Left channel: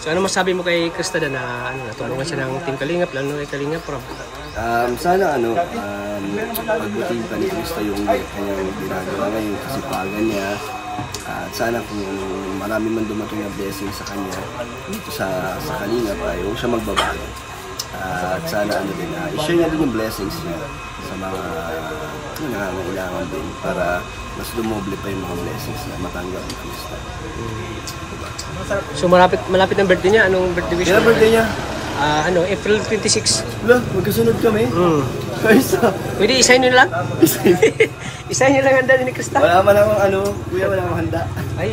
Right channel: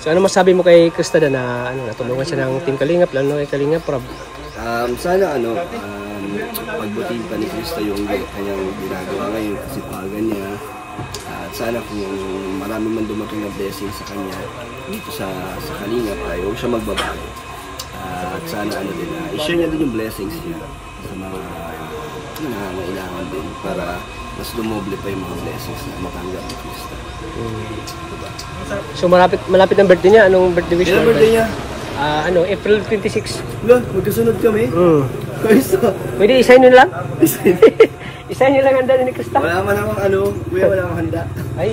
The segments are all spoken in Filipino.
So ano masabi mo kay Krista na ano, natulungan siya ng Team Kalingap, lalo kay Kalingap Rob? Sana pagbuting pa ni Krista yung kanyang ginagawa ngayon, kasipagan niya. At sana kung marami man dumating na blessing sa kanya dito sa Kalingap, huwag siya magbabago. At sana i-share niya din yung blessings niya sa mga nangangailangan din para mas dumoble pa yung mga blessings na matanggap ni Krista. Diba? So malapit ang birthday niya. Anong birthday wish mo? Kailan birthday niya? April 26. Wala, magkasunod kami. Krista. Pwede isahin nyo lang? Isahin nyo lang handa ni Krista? Wala man akong kuya, wala akong handa. Ay,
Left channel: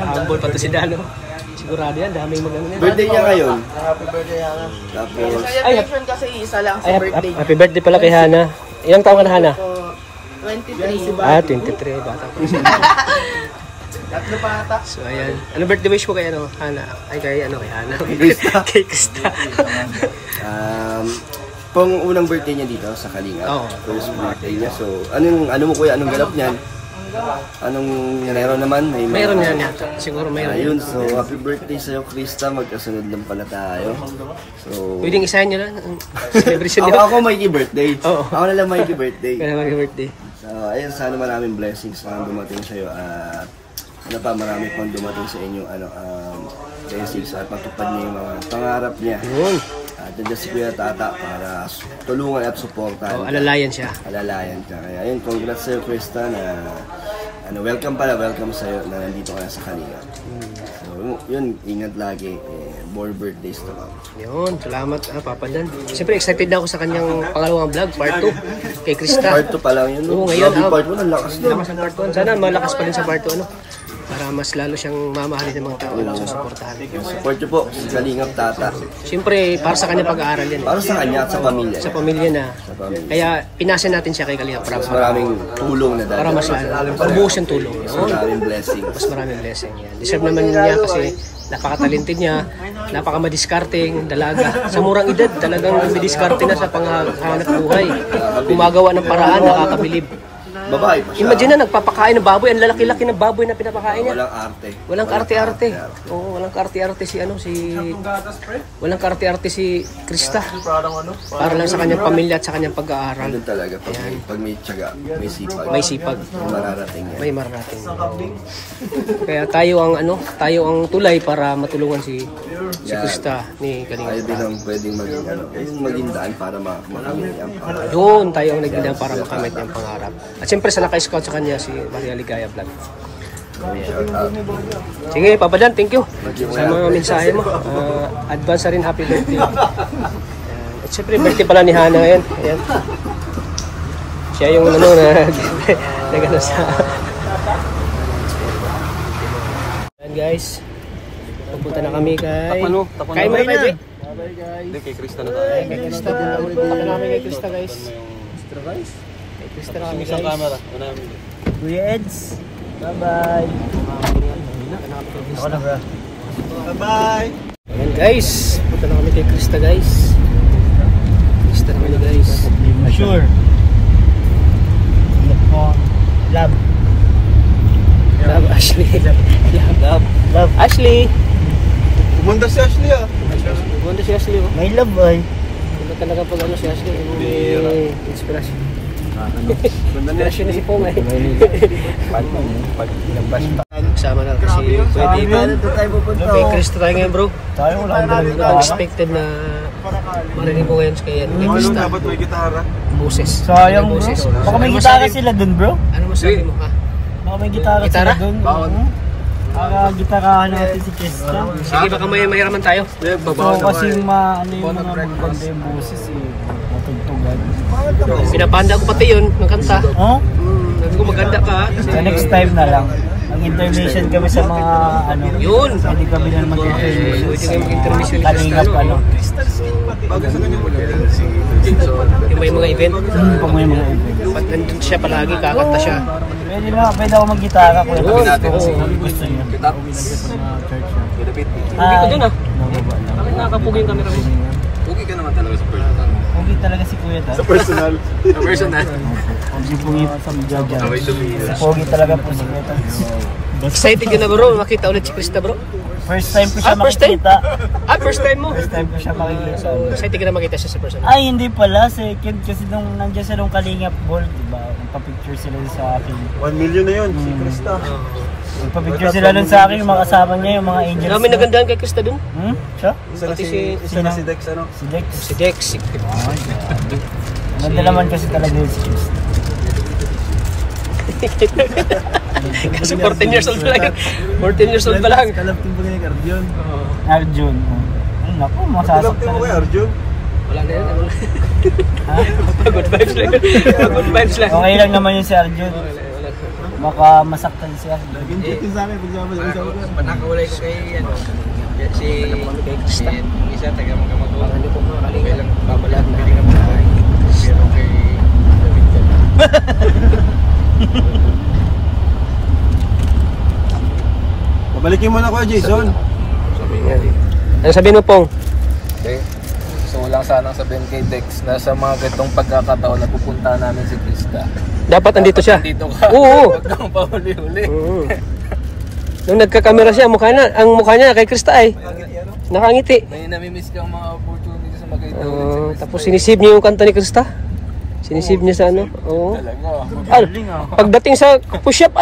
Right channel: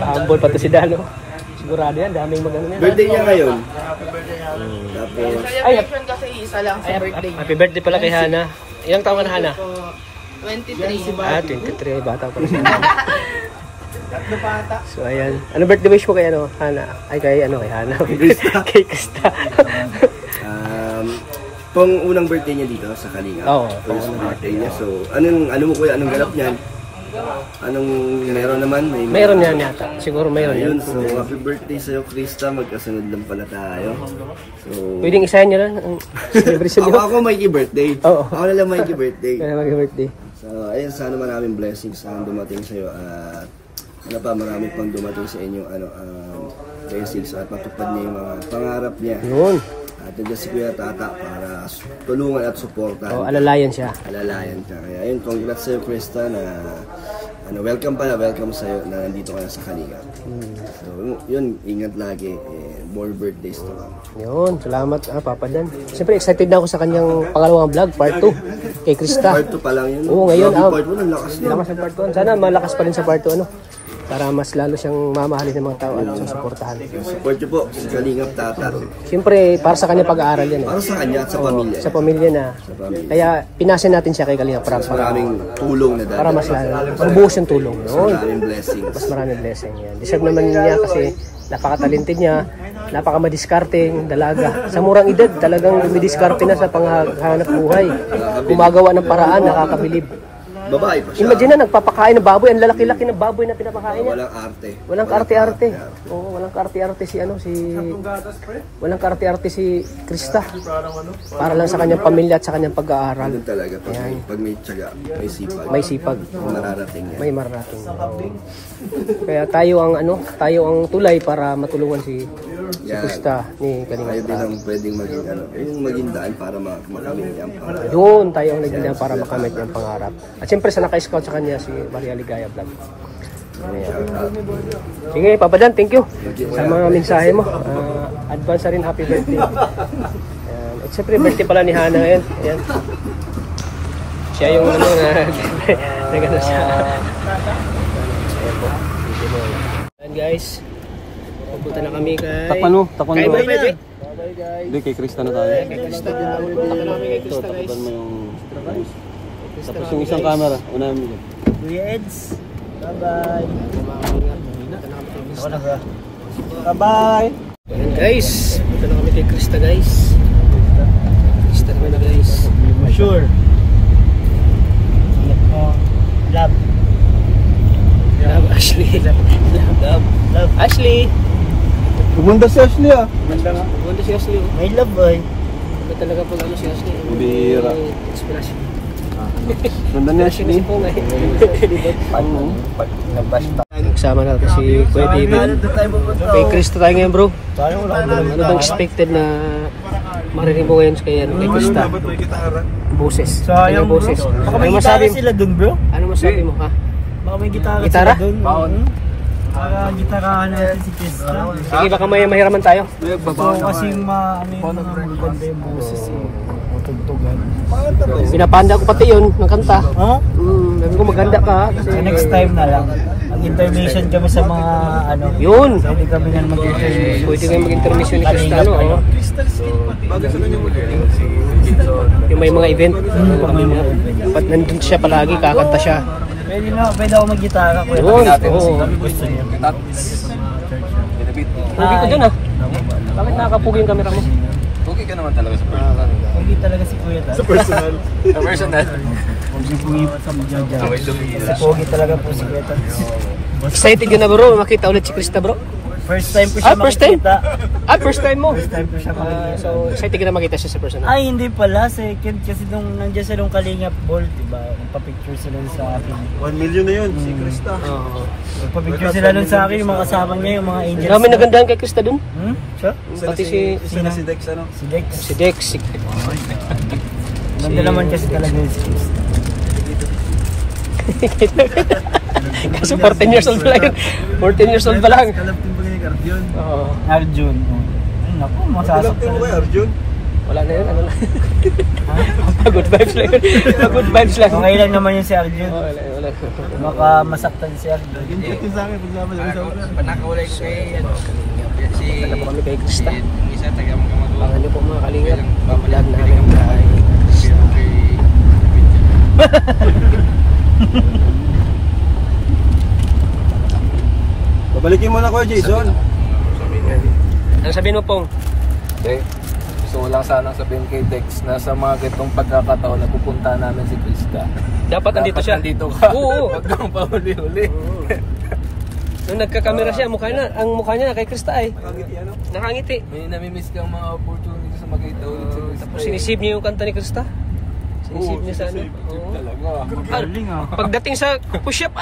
humble pa to si Dano. Sigurado yan, daming magano niya. Birthday niya ngayon. Tapos celebration kasi isa lang sa birthday. Happy birthday pala kay Hana. Ilang taon ka na, Hana? 23. 23. Bata pa siya. So ayan. Ano birthday wish mo kay Hana? Ay kay Hana. Kay Krista. Pang unang birthday niya dito sa Kalingap. First birthday niya. So ano mo kuya, anong ganap niyan? Anong meron naman? Meron yan yata. Siguro meron yan. So happy birthday sa'yo Krista. Magkasunod lang pala tayo. So pwedeng isahin nyo lang ang celebration niyo. Ako may birthday. Ako na lang may birthday. Kaya may birthday. So ayun, sana maraming blessings na dumating sa'yo. At marami pang dumating sa inyo blessings at matupad niya yung mga pangarap niya. Yun. At nandiyan si Kuya Tata para tulungan at suportahan. Alalayan siya. Alalayan siya. Kaya ayun, congrats sa'yo Krista na welcome sa'yo na nandito ka na sa Kalingap. So yun, ingat lagi. More birthdays to come. Yun, salamat Papa Dan. Siyempre excited na ako sa kanyang pangalawang vlog, part 2 kay Krista. Part 2 pa lang yun. Oo, ngayon part 1, ang lakas na. Lakas ng part 1. Sana malakas pa rin sa part 2 para mas lalo siyang mamahalin ng mga tao at susuportahan. Support niyo po si Kalingap Tata. Siyempre, para sa kanya pag-aaral yan. Para sa kanya at sa pamilya. Sa pamilya na. Kaya pinasa natin siya kay Kalingap para maraming tulong na dahil. Para mas lalo. Mabuhos yung tulong. Yun. Maraming blessing. Mas maraming blessing yan. Deserve naman niya kasi napaka-talented niya, napaka-madiskarteng dalaga. Sa murang edad, talagang midiskarte na sa panghanap buhay. Gumagawa ng paraan, nakakabilib. Babae pa siya. Imagine na, nagpapakain ng baboy. Ang lalaki-laki ng baboy na pinapakain niya. Walang arte. Walang kaarte-arte. Oo, walang kaarte-arte walang kaarte-arte si Krista. Para lang sa kanyang pamilya at sa kanyang pag-aaral. Doon talaga. Pag may tiyaga, may sipag. May sipag. May mararating yan. Kaya tayo ang tulay para matulungan si Krista ni Kalingap. Tayo din ang pwedeng maging daan para makamit niyang pangarap. Yun, tayo ang naging daan para makamit niyang pangarap. At siyempre sa naka-scout sa kanya si Maria Ligaya Vlog. Sige, Papa Dan, thank you sa mga mensahe mo. Advance na rin happy birthday. At siyempre, birthday pala ni Hana ngayon. Ayan. Siya yung nagano sa... Ayan guys, pupunta na kami kay... Kain mo na tayo, Jay? Hindi, kay Krista na tayo. Kay Krista, punta na namin kay Krista guys. Krista na kami guys. Camera, unahan mo. Kuya Eds. Bye-bye. Punta na kami kay Krista. Bye-bye. Ayan guys, punta na kami kay Krista guys. Krista kami na guys. Sure. Love. Love Ashley. Love Ashley. Pumunta si Ashley Pumunta si Ashley oh. May love boy. Ano talaga pag si Ashley? Bira. Inspirasyon. Inspirasyon na si Pong eh. Pag nabas pa. Kasama natin si Kuya Biban. Kay Krista tayo ngayon bro. Tayo wala Ano bang expected na marinig mo ngayon kay Krista? Boses. Sayang bro. Baka may gitara sila dun bro. Ano masabi mo ka? Baka may gitara sila dun. Baka gitarahan natin si Krista. Sige baka mahiraman tayo. So kasi yung mga maganda yung boses natugtugan. Pinapanda ko pati yun ng kanta. Sabi ko maganda ka. So next time na lang. Ang intermission kami sa mga yun. Pwede kami na mag-intermission. Pwede kami mag-intermission sa Kalingap yung may mga event. Pag may mga event. Pag nandun siya palagi, kakanta siya. Pwede ako mag-gitara ko. Gusto niyo. Hi. Nakapugi yung camera mo. Pugi ka naman talaga sa pangalan. Pugi talaga si Kuya Dad. Sa personal. Pugi sa Jojo. Si Pugi talaga po si Kuya Dad. Excited ka na bro, makita ulit si Krista bro. First time ko siya First time? makikita. First time mo? First time ko siya makikita. Kasi hindi ka na makita siya sa person. Ay, hindi pala. Second kasi nung nandiyan siya nung Kalingap Ball, diba? Nagpa-picture sila sa akin. 1 million na yun, si Krista. Nagpa-picture sila nun sa akin, yung mga kasama niya, yung mga angels. Kami nagandahan kay Krista dun? Siya? Isa na si Dex, ano? Si Dex. Si Dex. Ganda naman kasi talaga yung si Krista. Kasi 14 years old pa lang. 14 years old pa lang. Kalaptin ba ni Arjun? Arjun. Naku, masasaktan. Kalaptin mo kay Arjun? Wala na yun. Good vibes lang yun. Good vibes lang. Okay lang naman yun si Arjun. Baka masaktan si Arjun. Gincheck yun sa akin, pag-sabi sa akin. Panakawalay ko kay si Punta na po kami kay Krista. isa taga mga kamag-o. Abangan niyo po mga kalingap. Pamalag namin ang bahay. Pero kay David dyan. Babalikin mo na ko, Jason. Ano sabihin mo, Pong? Okay. So wala sanang sabihin kay Dex na sa mga ganitong pagkakataon na pupunta namin si Krista. Dapat andito siya. Nandito ka. Oo. Huwag kang pahuli-huli. Nung nagkakamera siya, ang mukha niya kay Krista ay nakangiti. May nami-miss kang mga opportunities na makita ulit si Krista. Tapos sinisave niya yung kanta ni Krista. Sinisave niya sa ano. Oo. Talaga. Pagdating sa push-up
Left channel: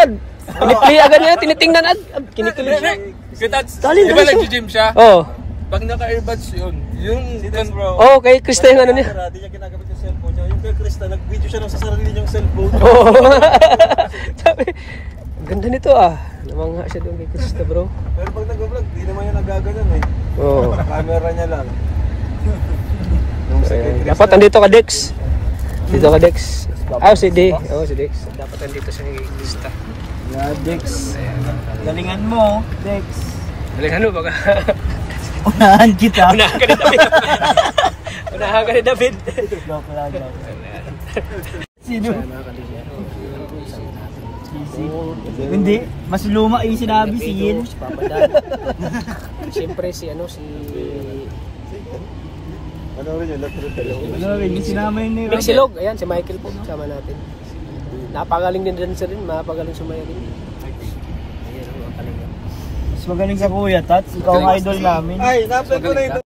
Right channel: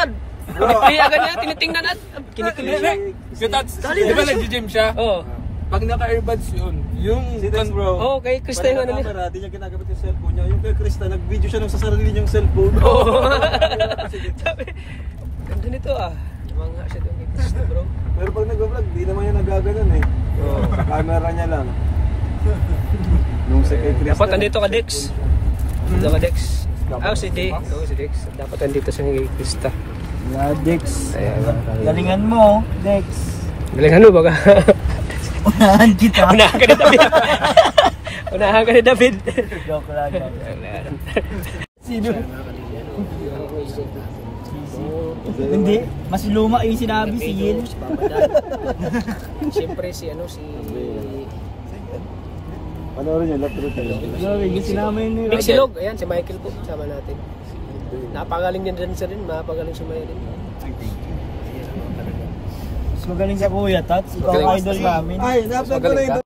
piniplay agad niya, tinitingnan kinikilig siya. Dali Di ba na siya. nag-gym siya? Oo. Pag naka-earbuds yun. Yung bro. Oo, kay Krista yung ano niya. Hindi niya ginagamit yung cellphone niya. Yung kay Krista, nag-video siya sa sarili niyang cellphone. Oo. Sabi, ganda nito Namangha siya doon kay Krista, bro. Pero pag nag-vlog, di naman yung nagaganon eh. Oo. Camera niya lang. Dapat andito ka, Dex. Dito ka, Dex. Si D. Si Dex. Dapat andito sa kay Krista. Dex. Galingan mo, Dex. Galingan mo baga. Unahan kita. Unahan ka ni David. Joke lang. Sino? Hindi, mas luma yung sinabi si Yin. Si Papa Dan. Siyempre si Panoorin niyo, lahat Yung sinama yun Big Silog. Ayan, si Michael po. Sama natin. Napagaling din dancer rin. Mapagaling sumaya din. Ayan ang mga kalaga. Mas magaling ka kuya, Tats. Ikaw ang idol namin. Ay, napag ko na ito.